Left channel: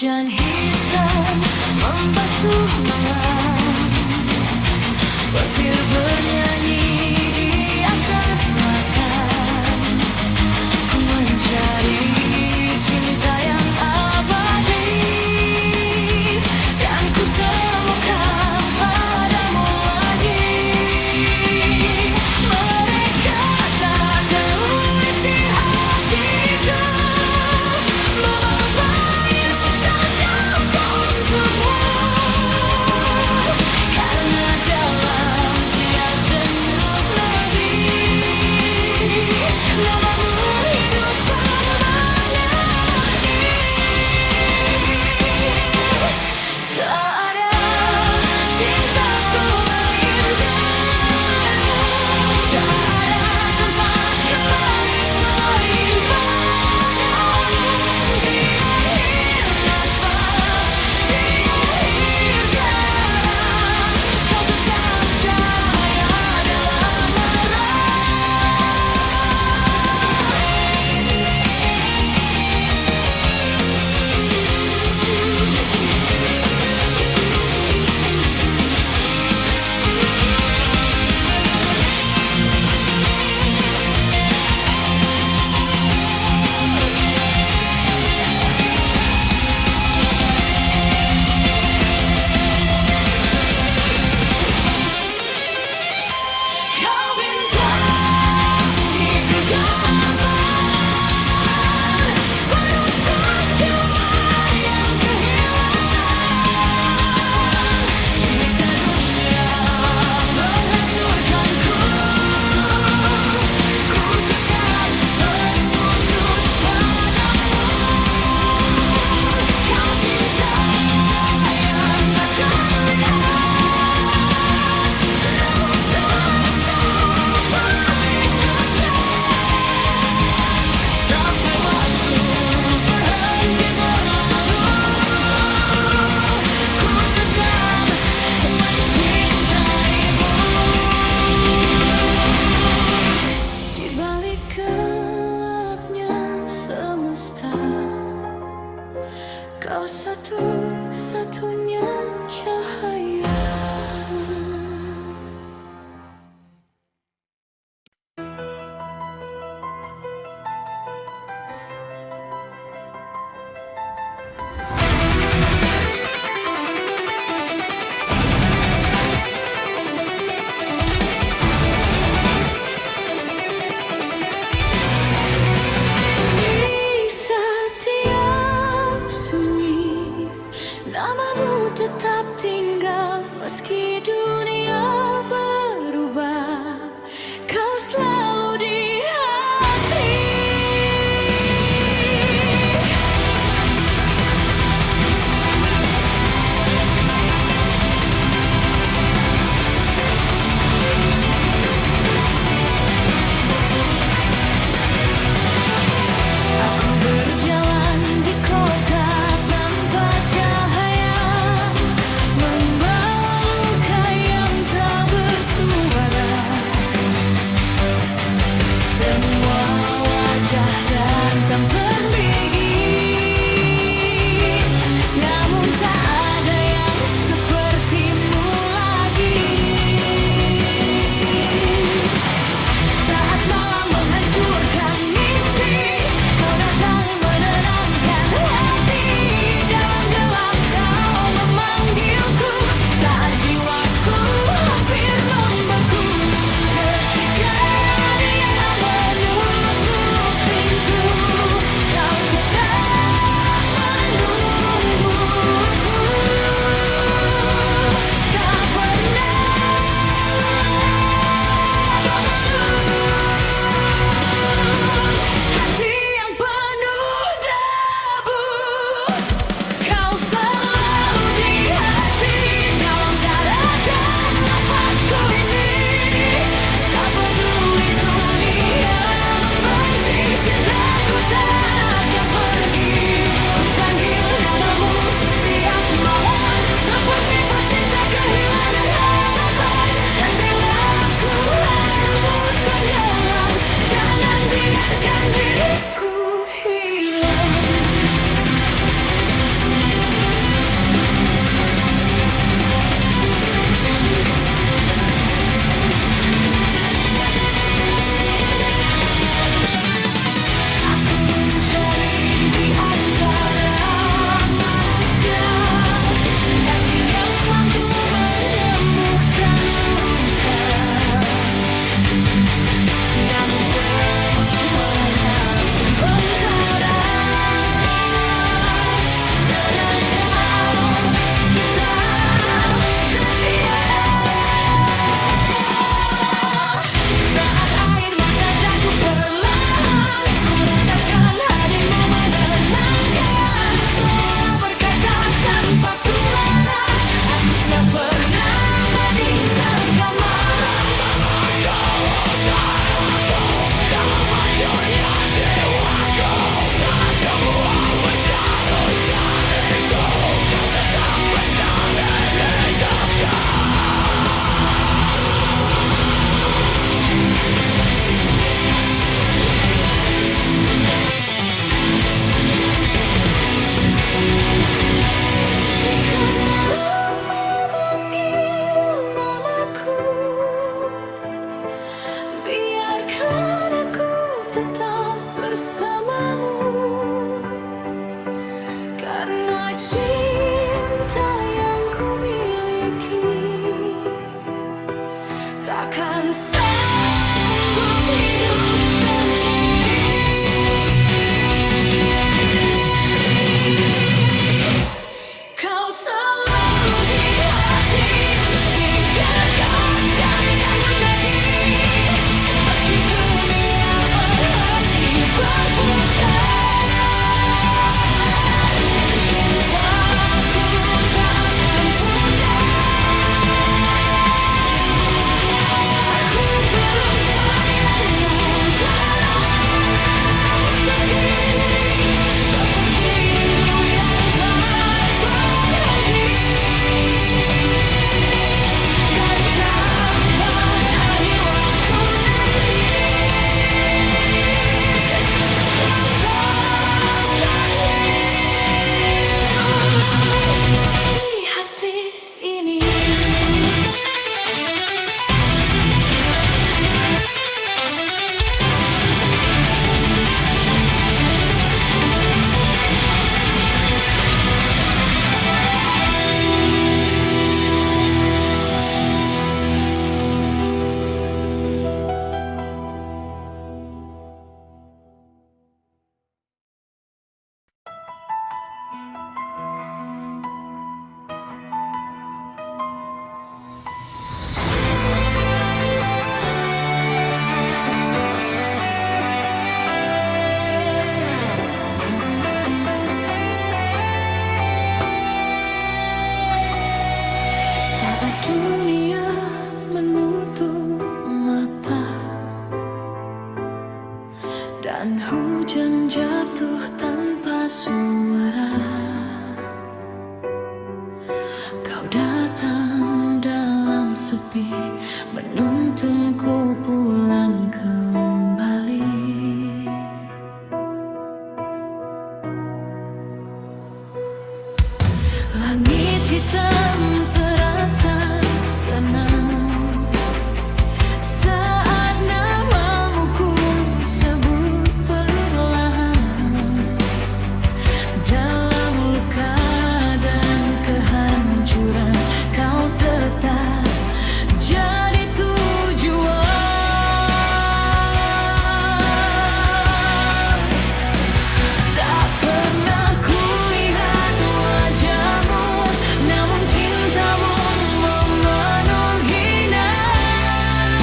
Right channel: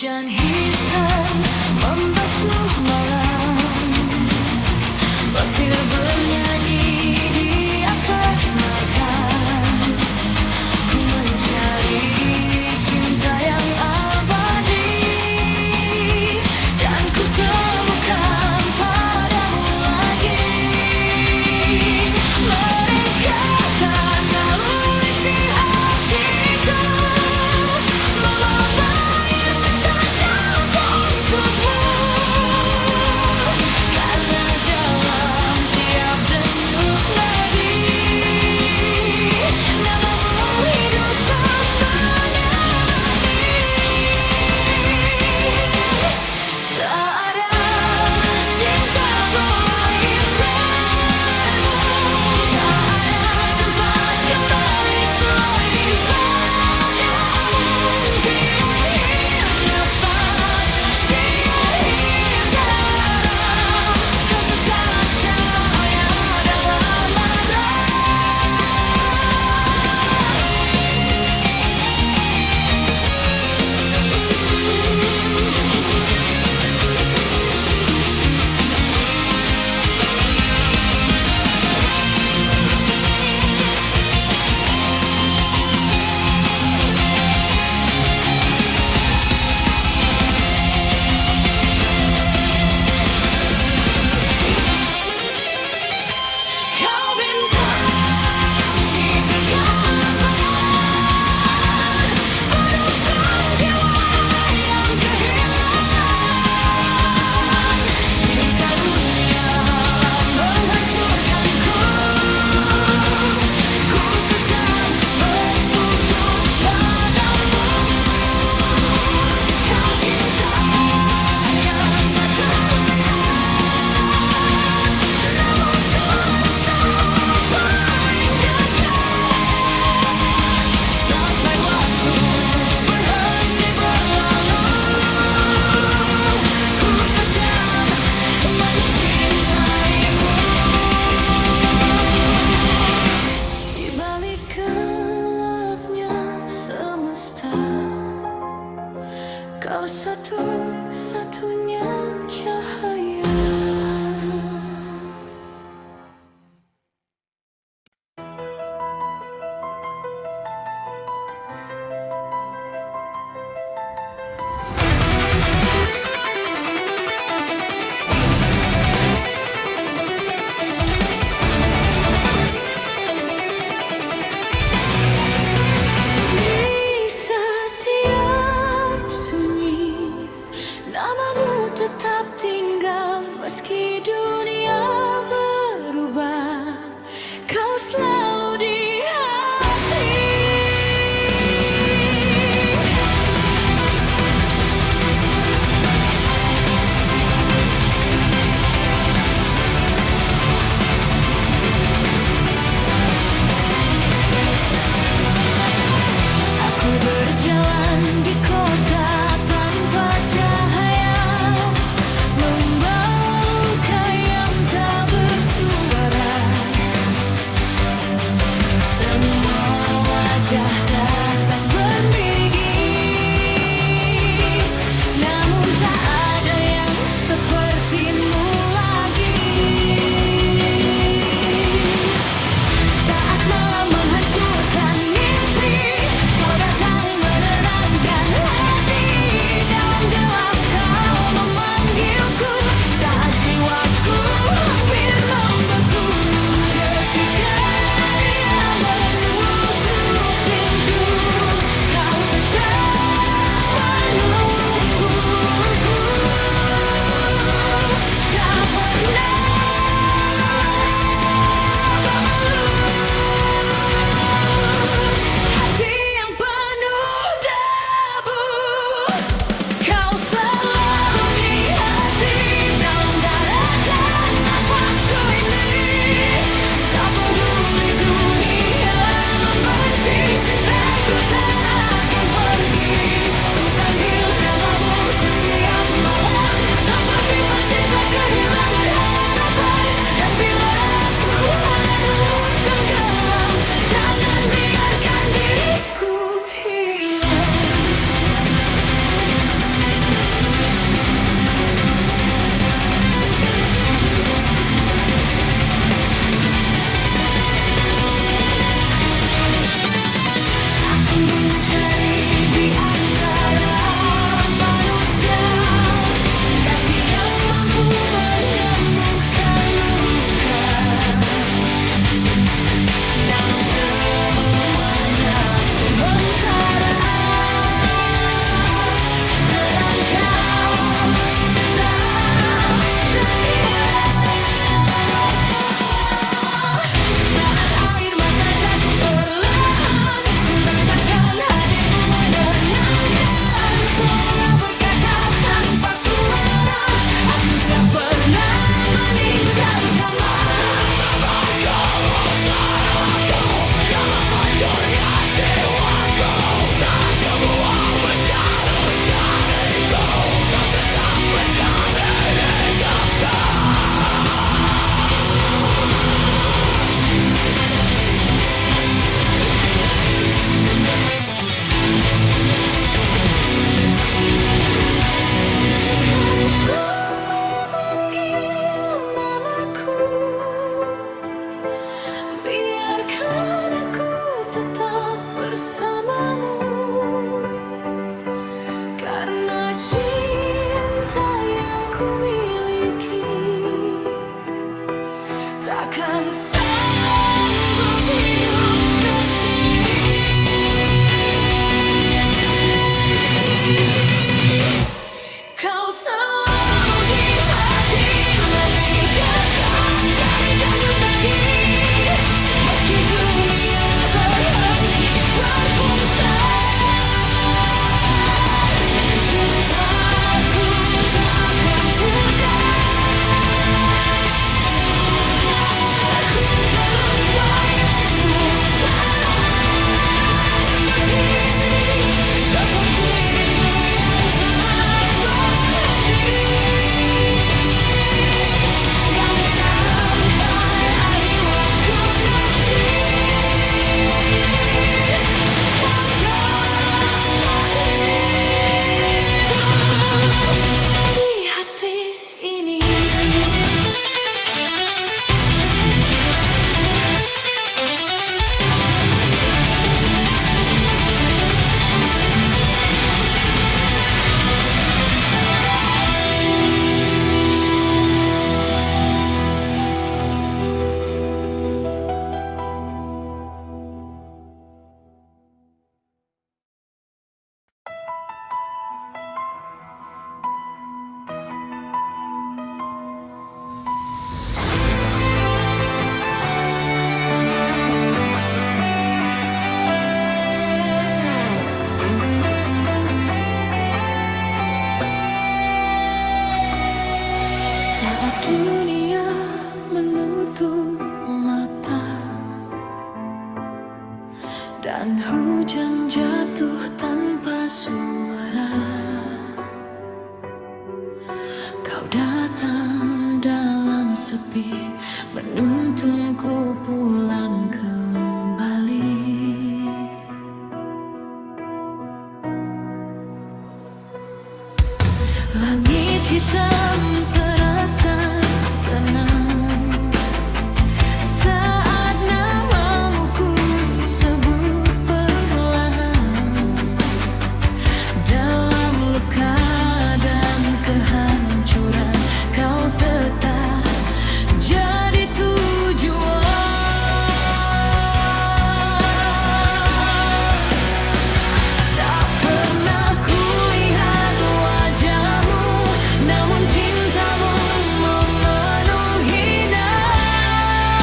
Hujan hitam membasuh malam, petir bernyanyi di atas makam. Ku mencari cinta yang abadi, dan ku temukan padamu lagi. Mereka tak tahu isi hatiku, memapa air mata jatuh untukmu, karena dalam tiap denyut nadi namamu hidupkan menemani. Tak ada cinta selain dirimu, tak ada tempat kembali selain padamu. Di akhir nafas, di akhir darah, kau tetap cahaya dalam marah. Kau bintang di kegelapan, penuntun jiwa yang kehilangan. Jika dunia menghancurkanku, ku tetap bersujud padamu. Kau cinta yang tak terlihat, namun terasa paling dekat. Sampai waktu berhenti berlalu, ku tetap mencintaimu. Di balik gelapnya semesta, kau satu-satunya cahaya. Di setiap sunyi, namamu tetap tinggal meski dunia berubah. Kau selalu di hati. Aku berjalan di kota tanpa cahaya, membawa luka yang tak bersuara. Semua wajah datang pergi, namun tak ada yang sepertimu lagi. Saat malam menghancurkan mimpi, kau datang menenangkan hati. Dalam gelap kau memanggilku, saat jiwaku hampir membeku. Ketika dia menutup pintu bersamamu, karena cinta yang ku miliki. Takkan sanggup hidup sendiri. Kau selalu di hati, lebih dekat dari denyut nadi. Meski dunia berhenti berputar, cintaku tak akan pudar. Ku peluk bayangmu dalam sepi, seperti rindu yang tak berhenti. Dan sampai akhir waktu nanti, kau tetap hidup di hati ini. Saat dunia menutup mata dan hujan jatuh tanpa suara, kau datang dalam sepi, menuntunku pulang kembali. Langit hitam terasa tenang saat namamu ku sebut perlahan. Dalam luka dan kehancuran, kau tetap jadi tujuan. Tak pernah kulihat wajahmu, namun cintamu memenuhi nafasku.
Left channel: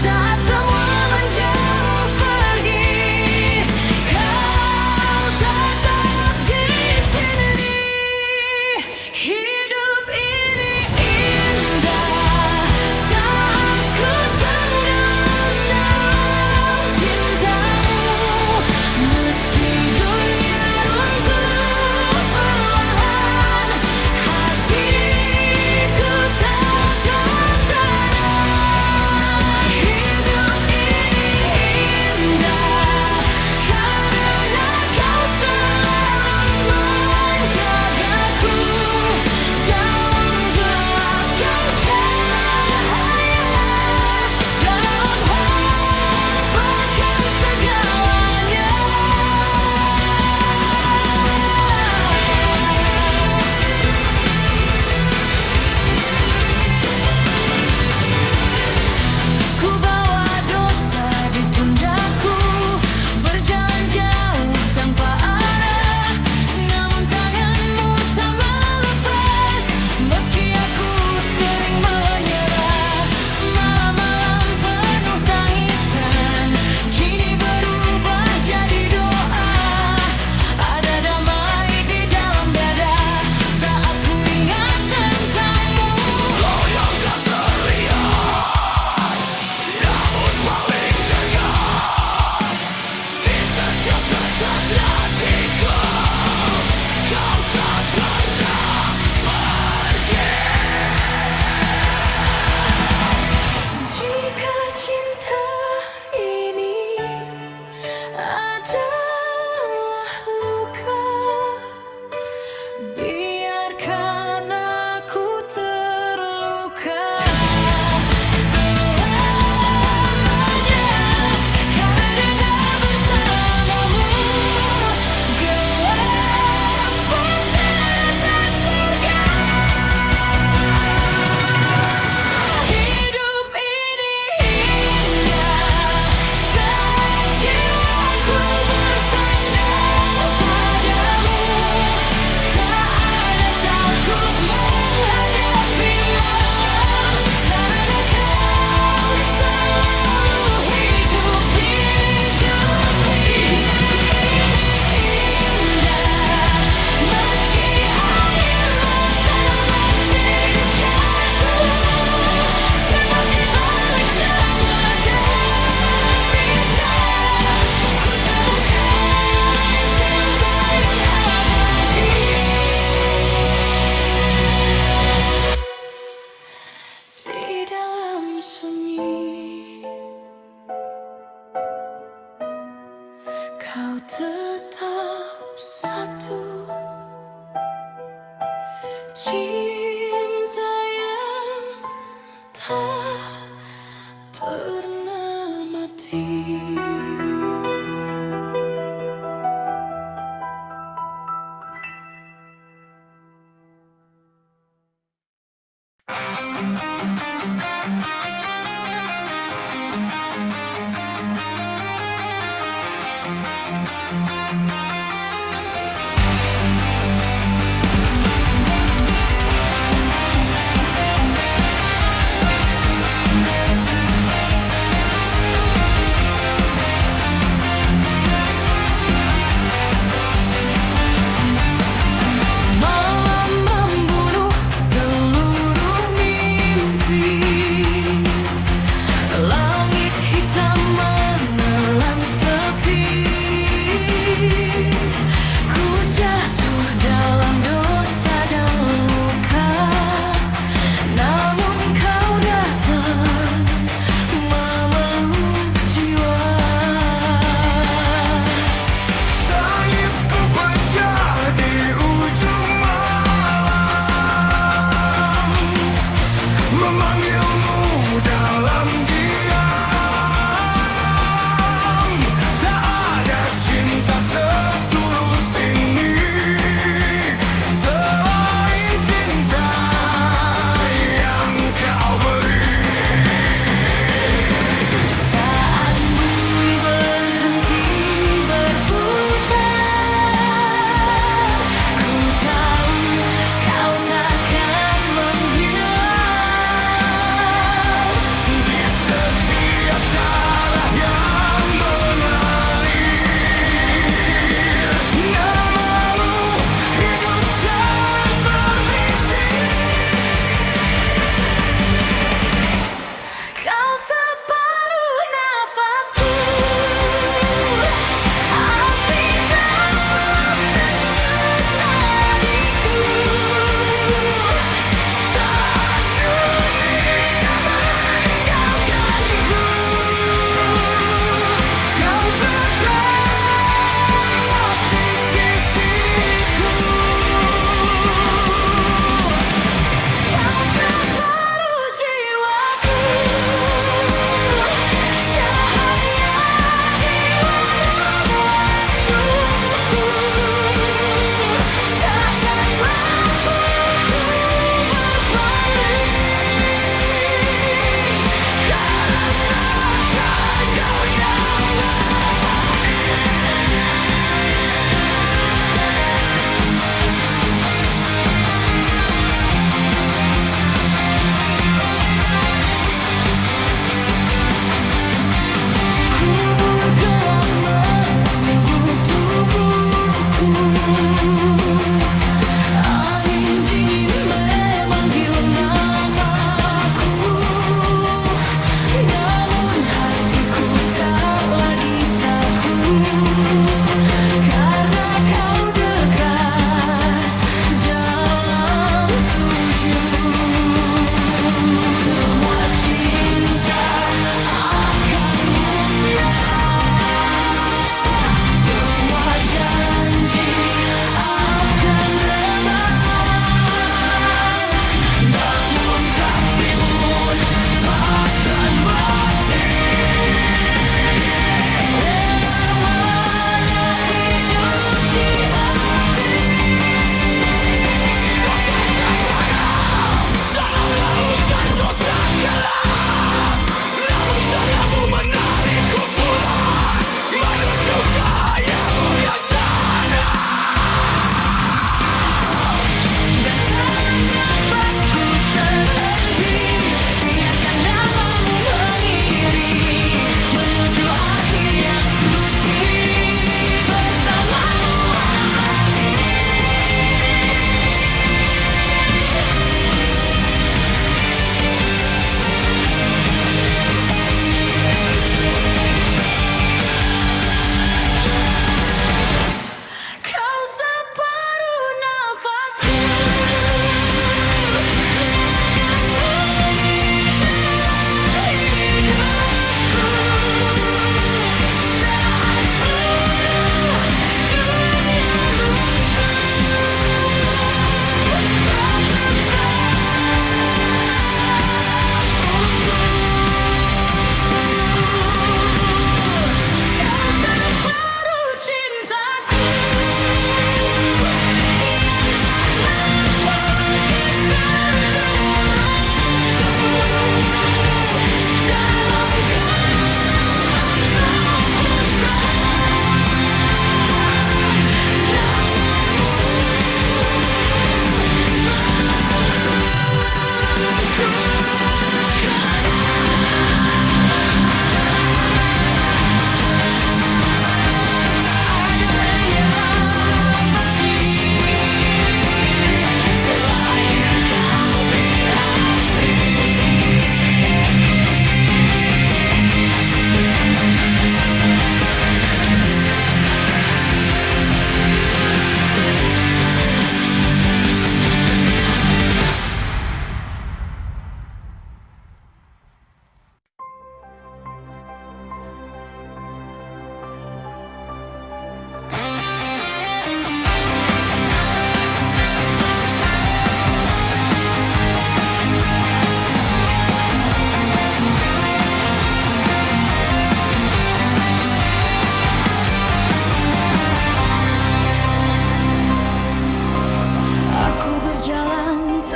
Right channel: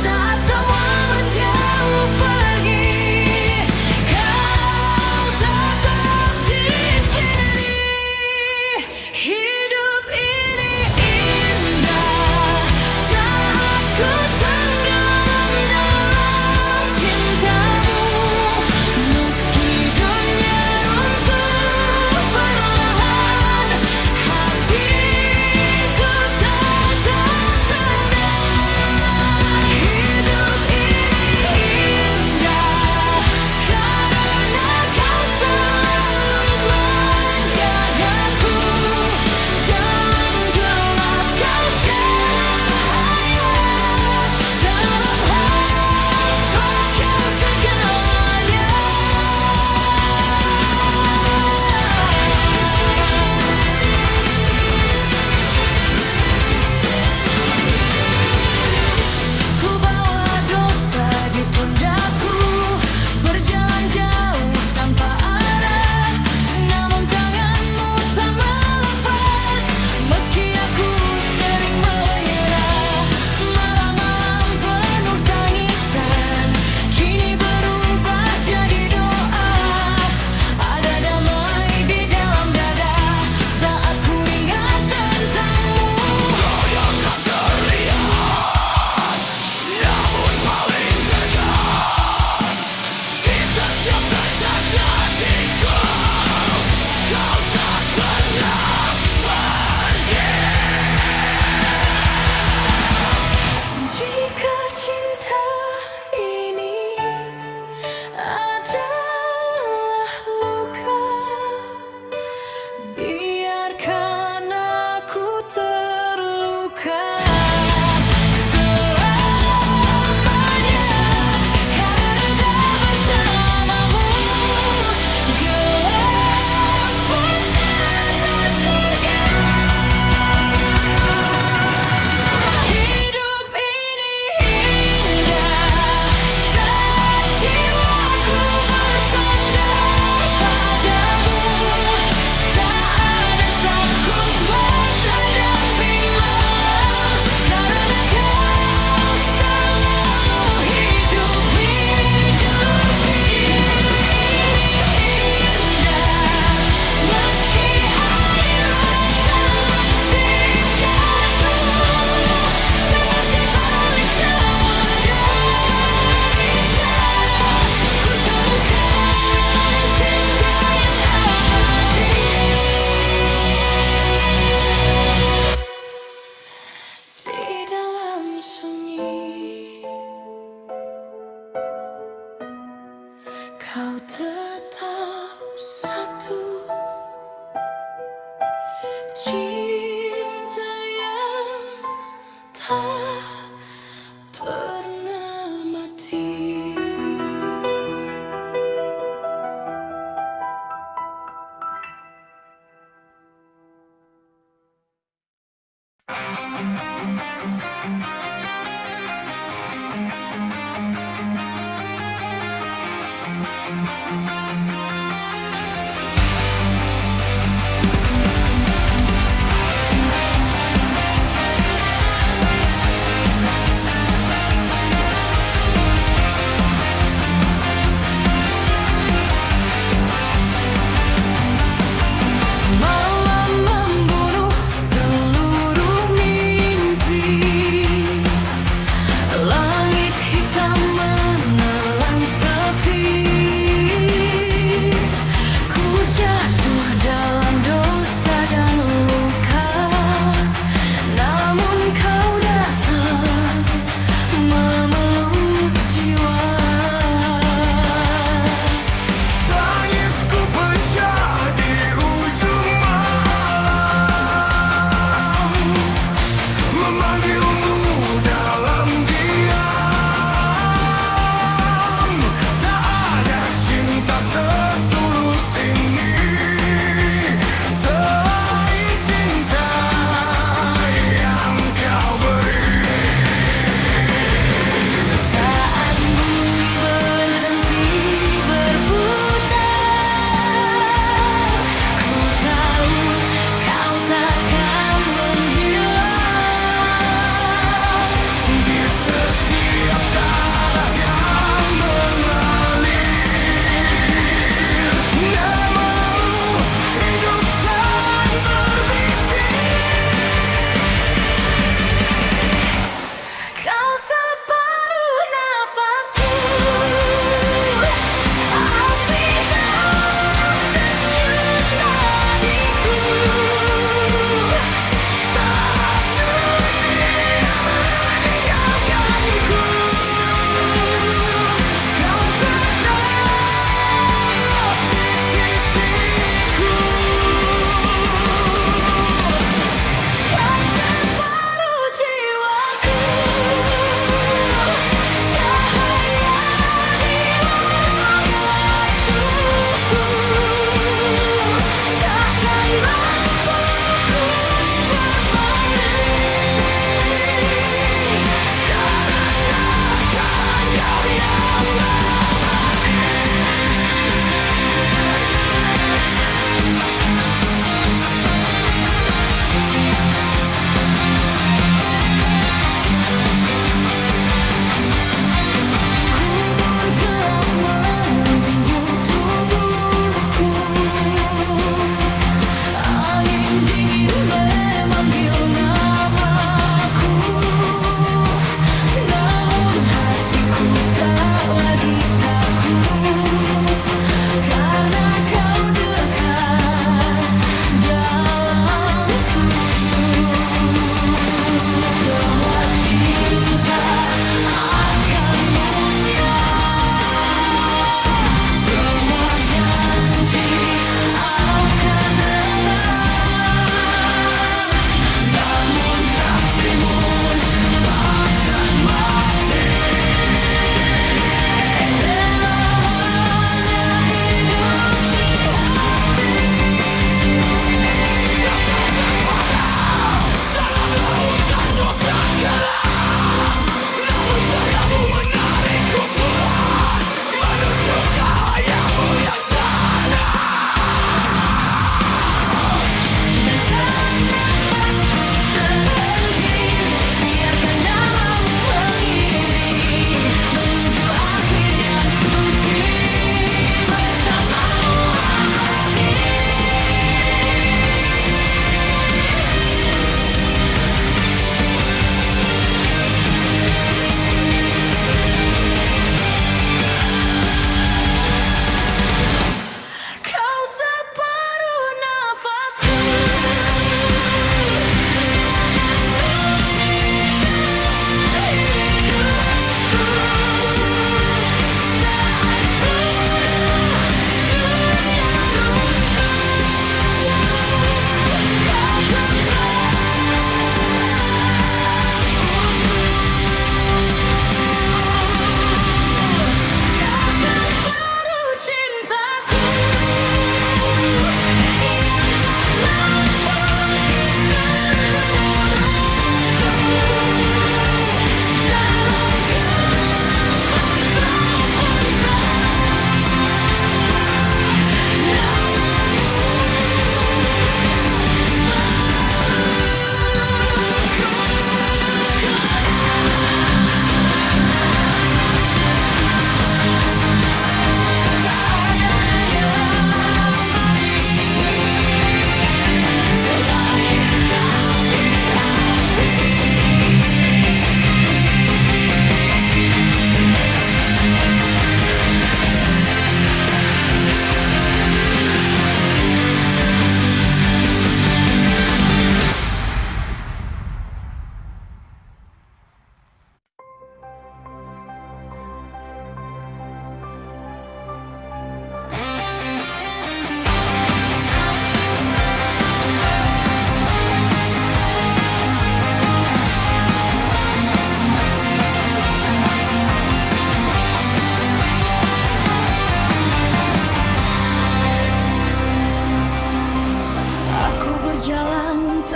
Saat semua menjauh pergi, kau tetap di sini. Hidup ini indah saat ku tenggelam dalam cintamu. Meski dunia runtuh perlahan, hatiku tetap tenang. Hidup ini indah karena kau selalu menjagaku. Dalam gelap kau cahaya, dalam hampa kau segalanya. Ku bawa dosa di pundakku, berjalan jauh tanpa arah, namun tanganmu tak melepas. Meski aku sering menyerah, malam-malam penuh tangisan kini berubah jadi doa. Ada damai di dalam dada saat ku ingat tentangmu. Kau yang tak terlihat, namun paling dekat di kau tetap satu. Cinta yang tak pernah mati.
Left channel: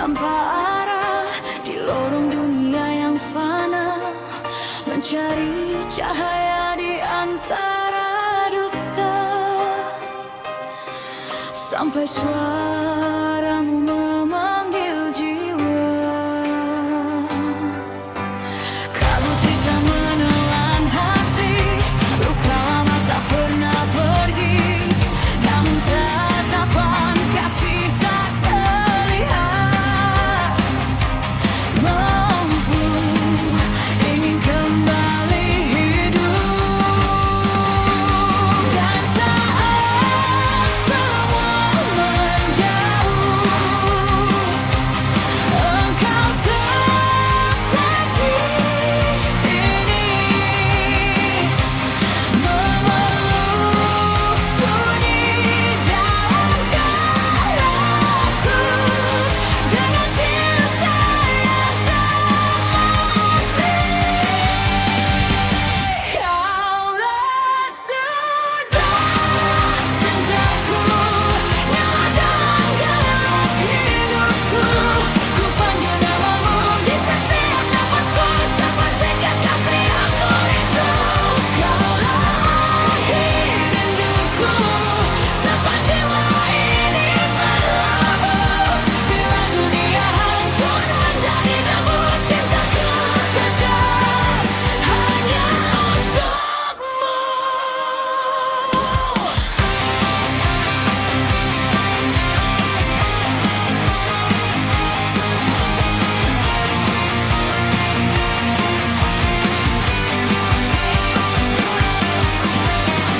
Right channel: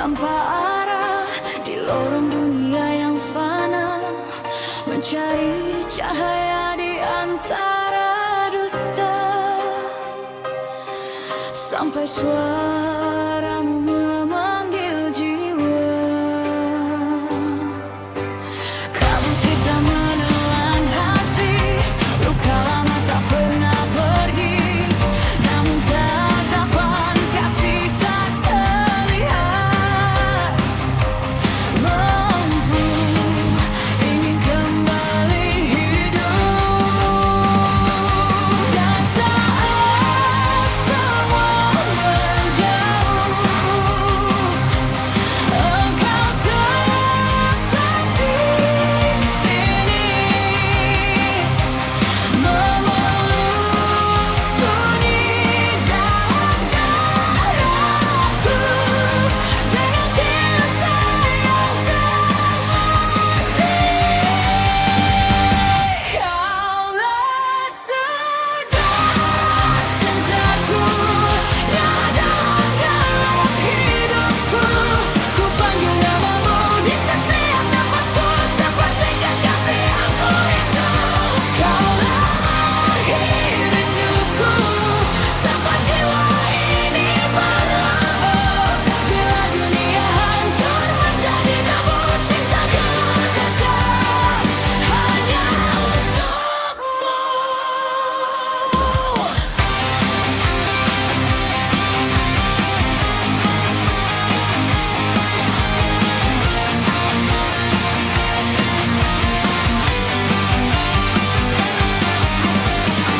tanpa arah di lorong dunia yang fana, mencari cahaya di antara dusta, sampai suaramu memanggil jiwa. Kabut hitam menelan hati, luka lama tak pernah pergi, namun tatapan kasih tak terlihat mampu ingin kembali hidup. Dan saat semua menjauh, engkau tetap di sini, memeluk sunyi dalam daraku dengan cinta yang tak mati. Kaulah sudah cintaku, nyala dalam gelap hidupku. Ku panggil namamu di setiap nafasku, seperti kekasih yang ku rindu. Kaulah akhir rinduku, tempat jiwa ini berlabuh. Bila dunia hancur menjadi debu, cintaku tetap hanya untukmu.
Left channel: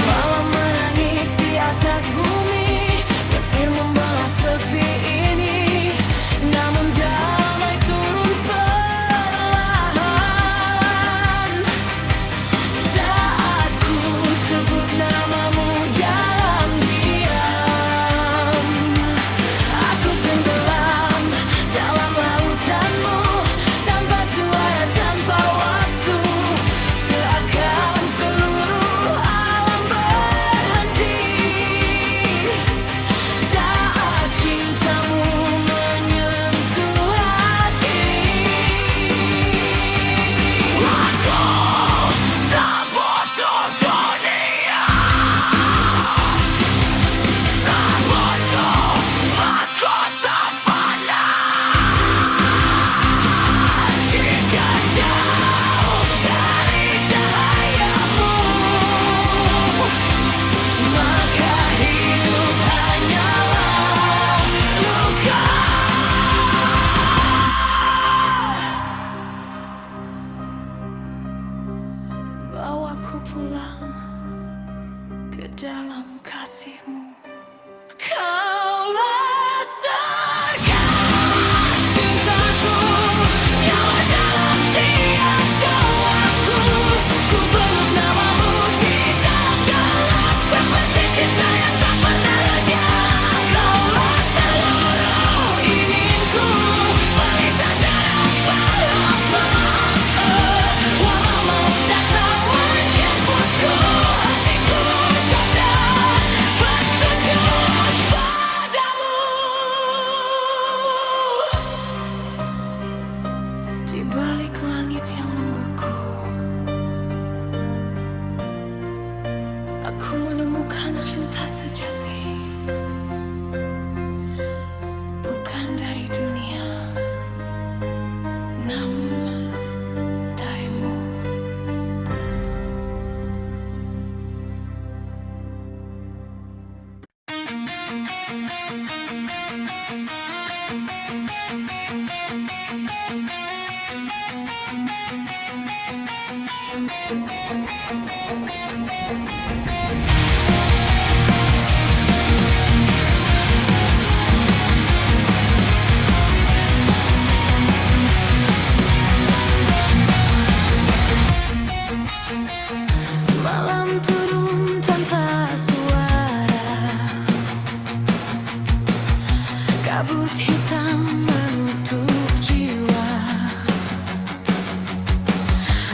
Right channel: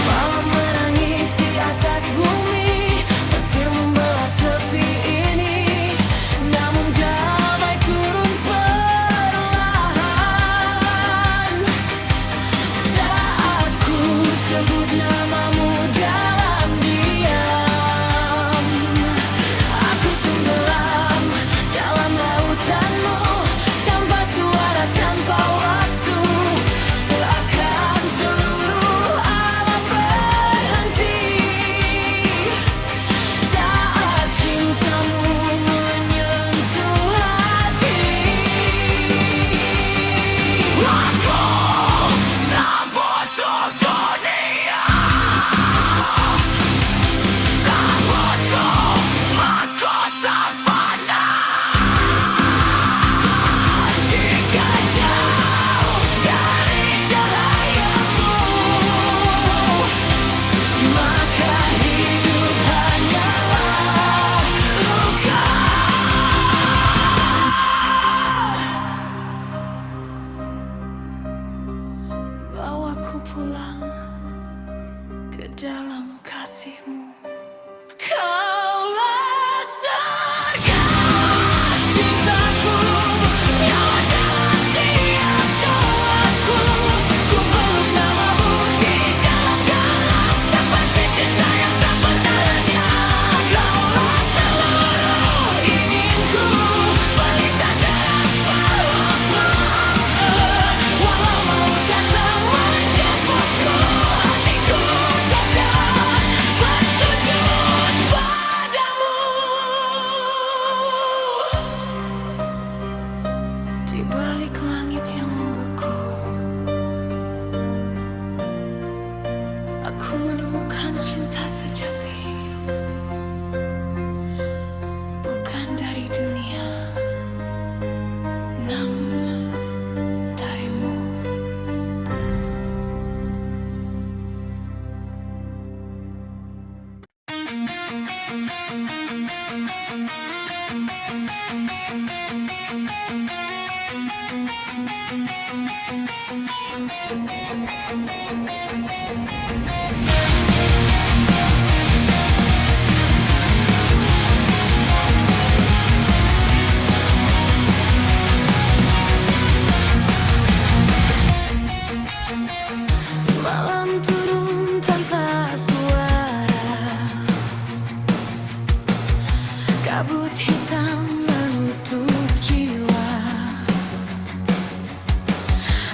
Malam menangis di atas bumi, petir membelah sepi ini, namun damai turun perlahan saat ku sebut namamu dalam diam. Aku tenggelam dalam lautanmu, tanpa suara, tanpa waktu, seakan seluruh alam berhenti saat cintamu menyentuh hati. Aku tak butuh dunia, tak butuh mahkota fana. Jika jauh dari cahayamu, maka hidup hanyalah luka. Bawaku pulang ke dalam kasihmu. Kaulah surga cintaku, nyawa dalam tiap doaku. Ku peluk namamu di dalam gelap, seperti cinta yang tak pernah lenyap. Kaulah seluruh inginku, pelita dalam pelukanku. Walau maut datang menjemputku, hatiku tetap bersujud padamu. Di balik langit yang membeku, aku menemukan cinta sejati, bukan dari dunia, namun darimu. Malam turun tanpa suara, kabut hitam menutup jiwa.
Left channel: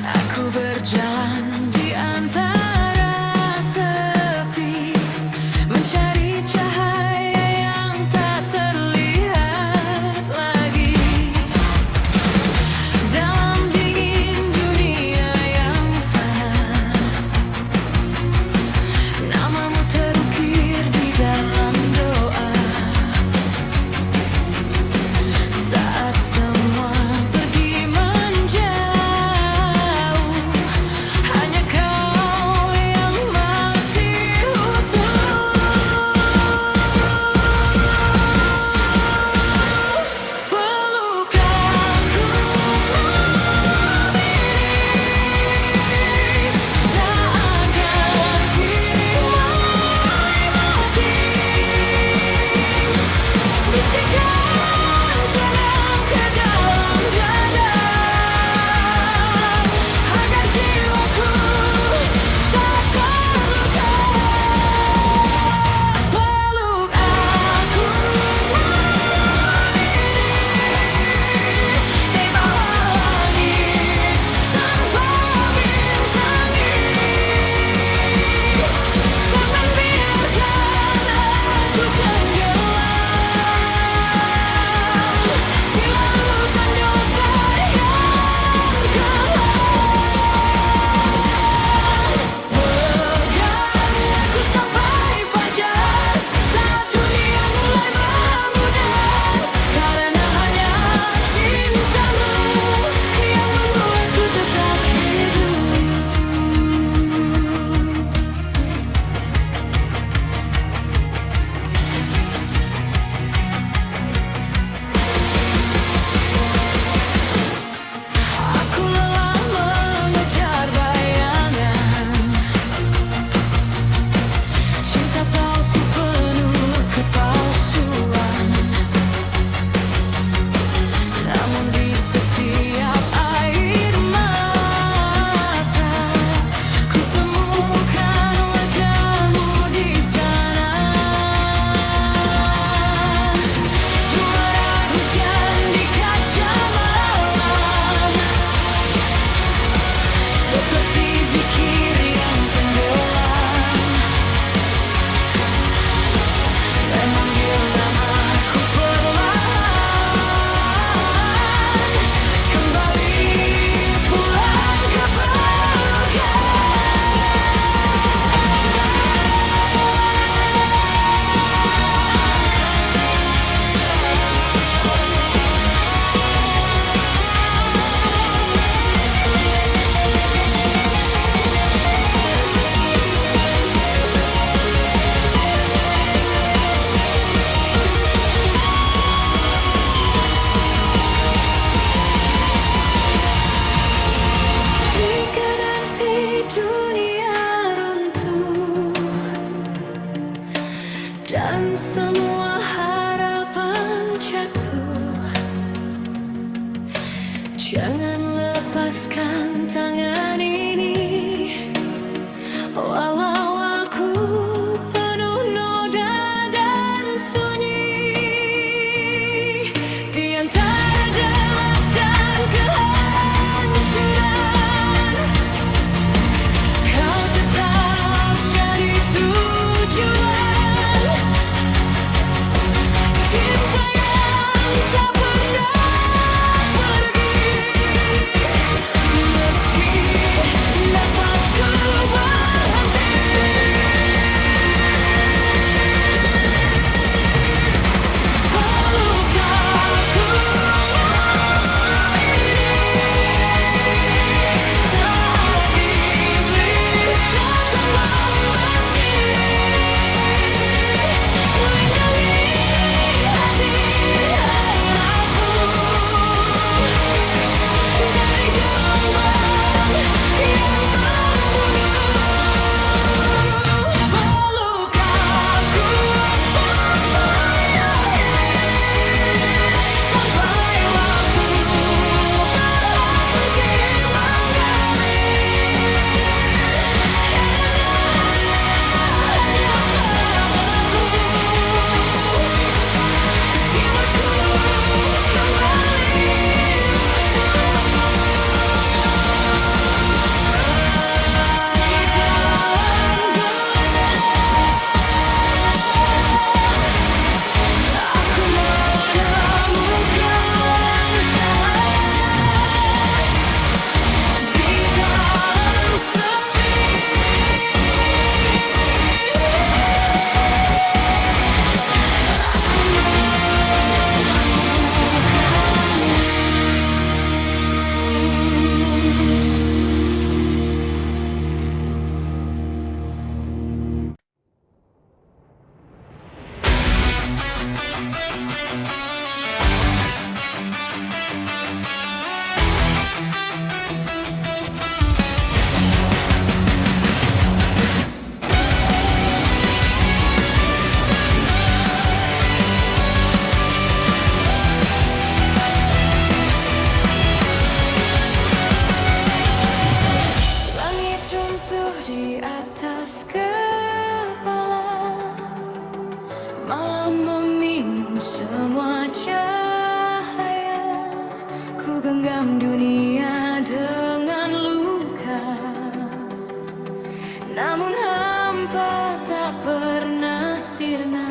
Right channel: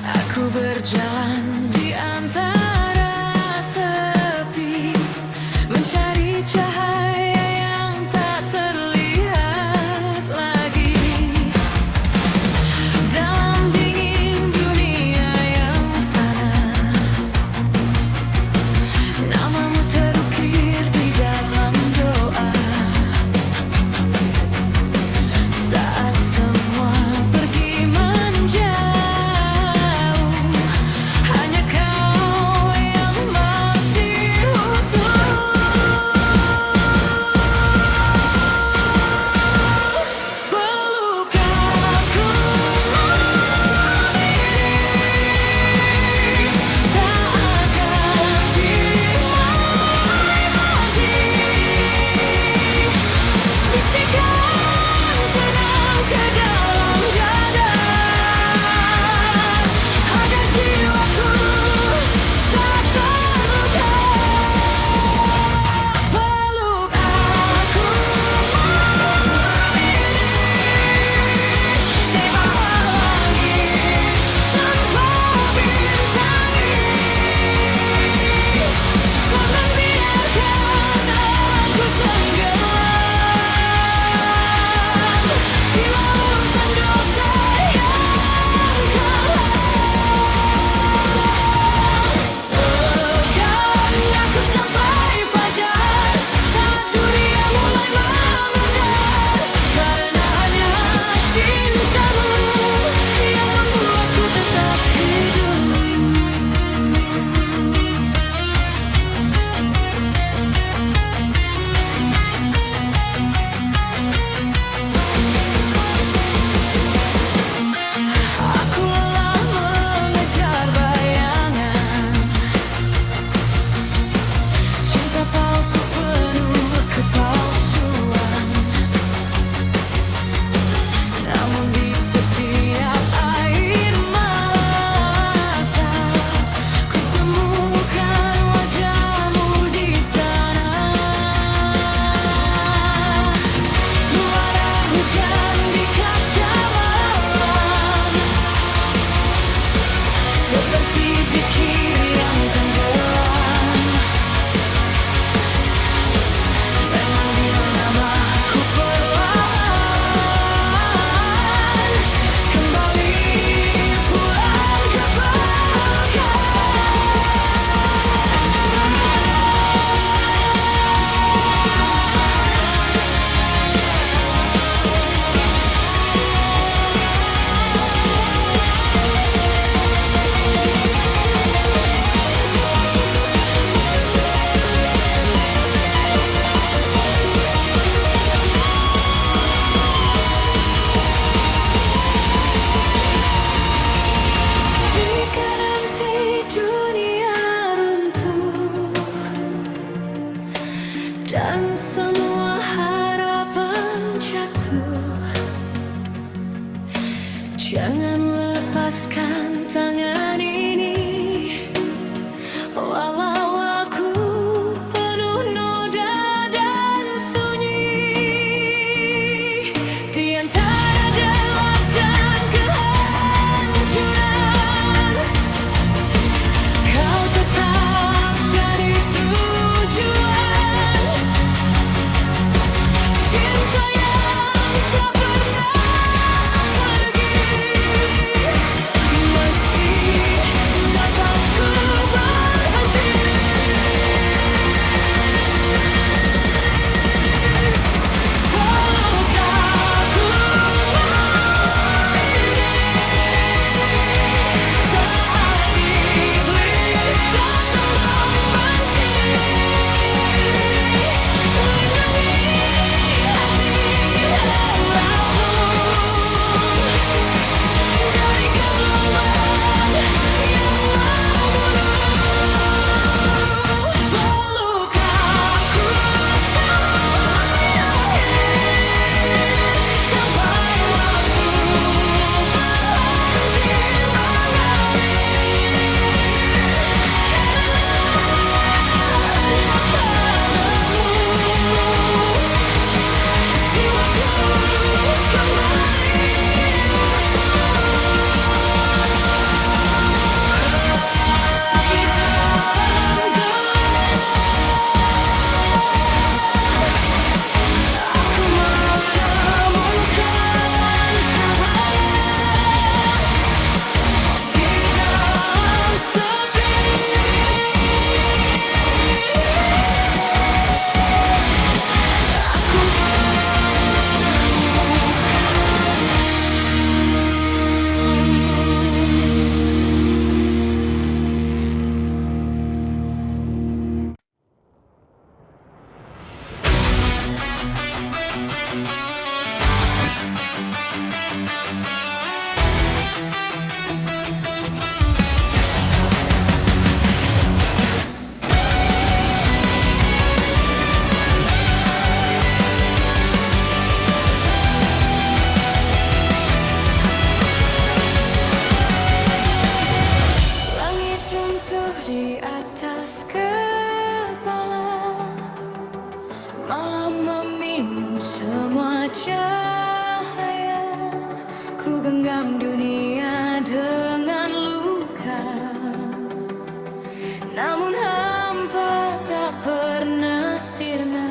Aku berjalan di antara sepi, dan semua harapan jatuh. Jangan lepaskan tangan ini, walau aku penuh noda dan sunyi. Di antara gelap dan kehancuran, kau tetap jadi tujuan. Cinta yang tak pernah pergi, meski nafasku berhenti. Peluk aku malam ini, saat iblis datang membenci. Lindungi hati yang rapuh dari gelombang yang membunuh. Peluk aku sampai akhir, sampai waktu berhenti mengalir. Karena hanya padamu jiwaku kembali utuh. Di dalam gelap, aku menemukan cahaya. Di dalam sepi, aku menemukanmu. Langit runtuh di atas kepala, malam meminum semua cahaya. Ku genggam dunia dengan luka, namun hampa tak pernah sirna.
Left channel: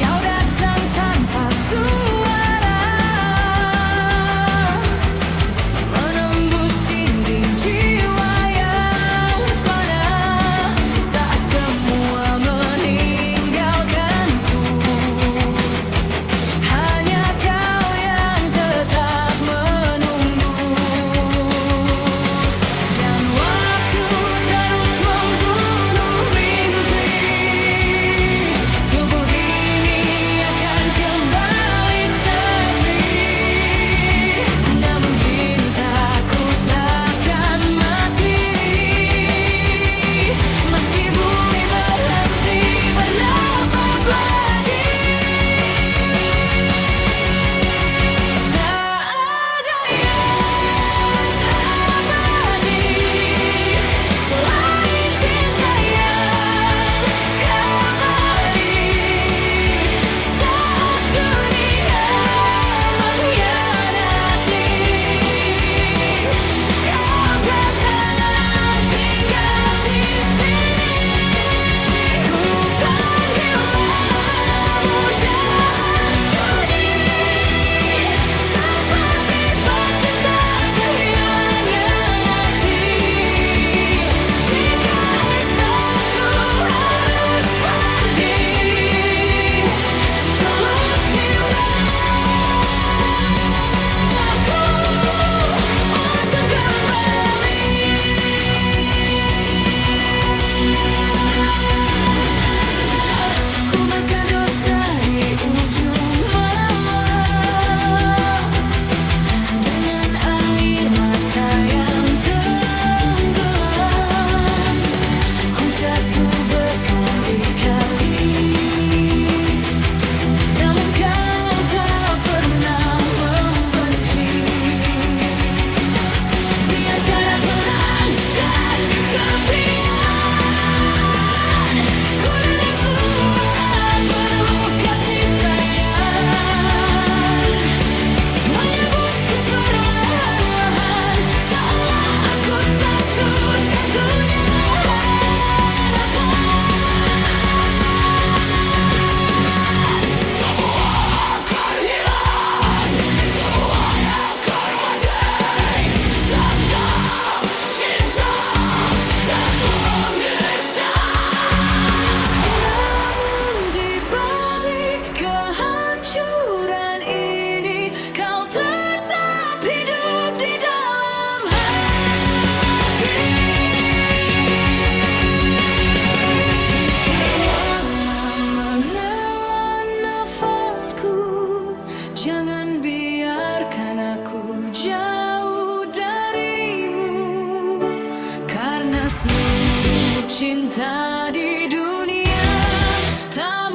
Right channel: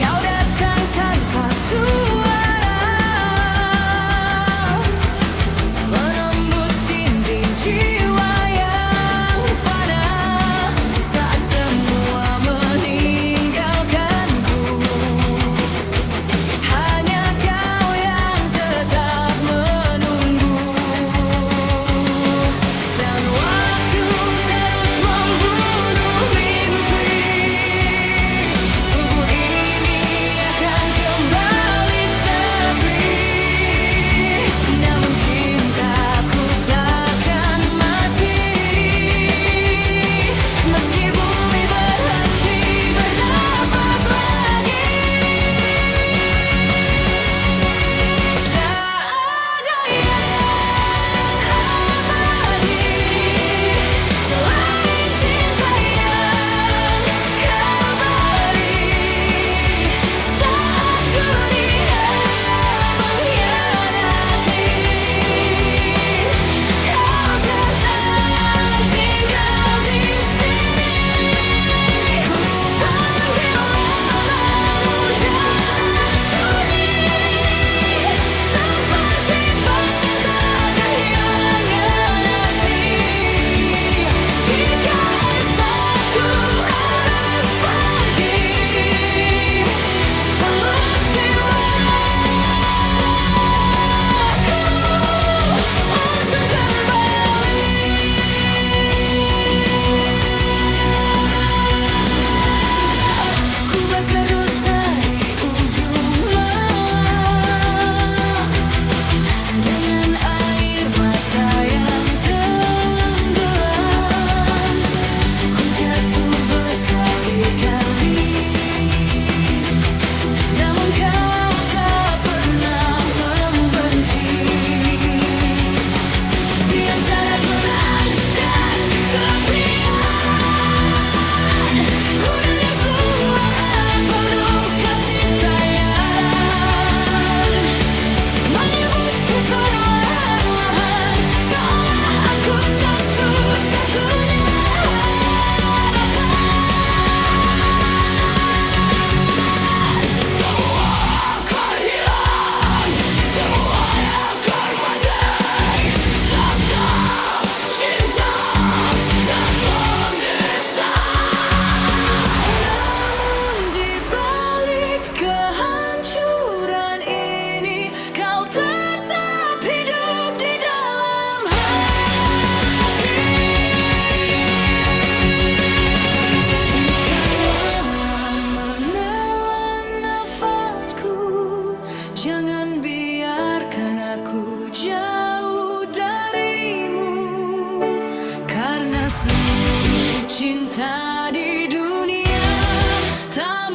Kau datang tanpa suara, menembus dinding jiwa yang fana. Saat semua meninggalkanku, hanya kau yang tetap menunggu. Dan waktu terus membunuh mimpi. Karena seluruh cinta di dunia tak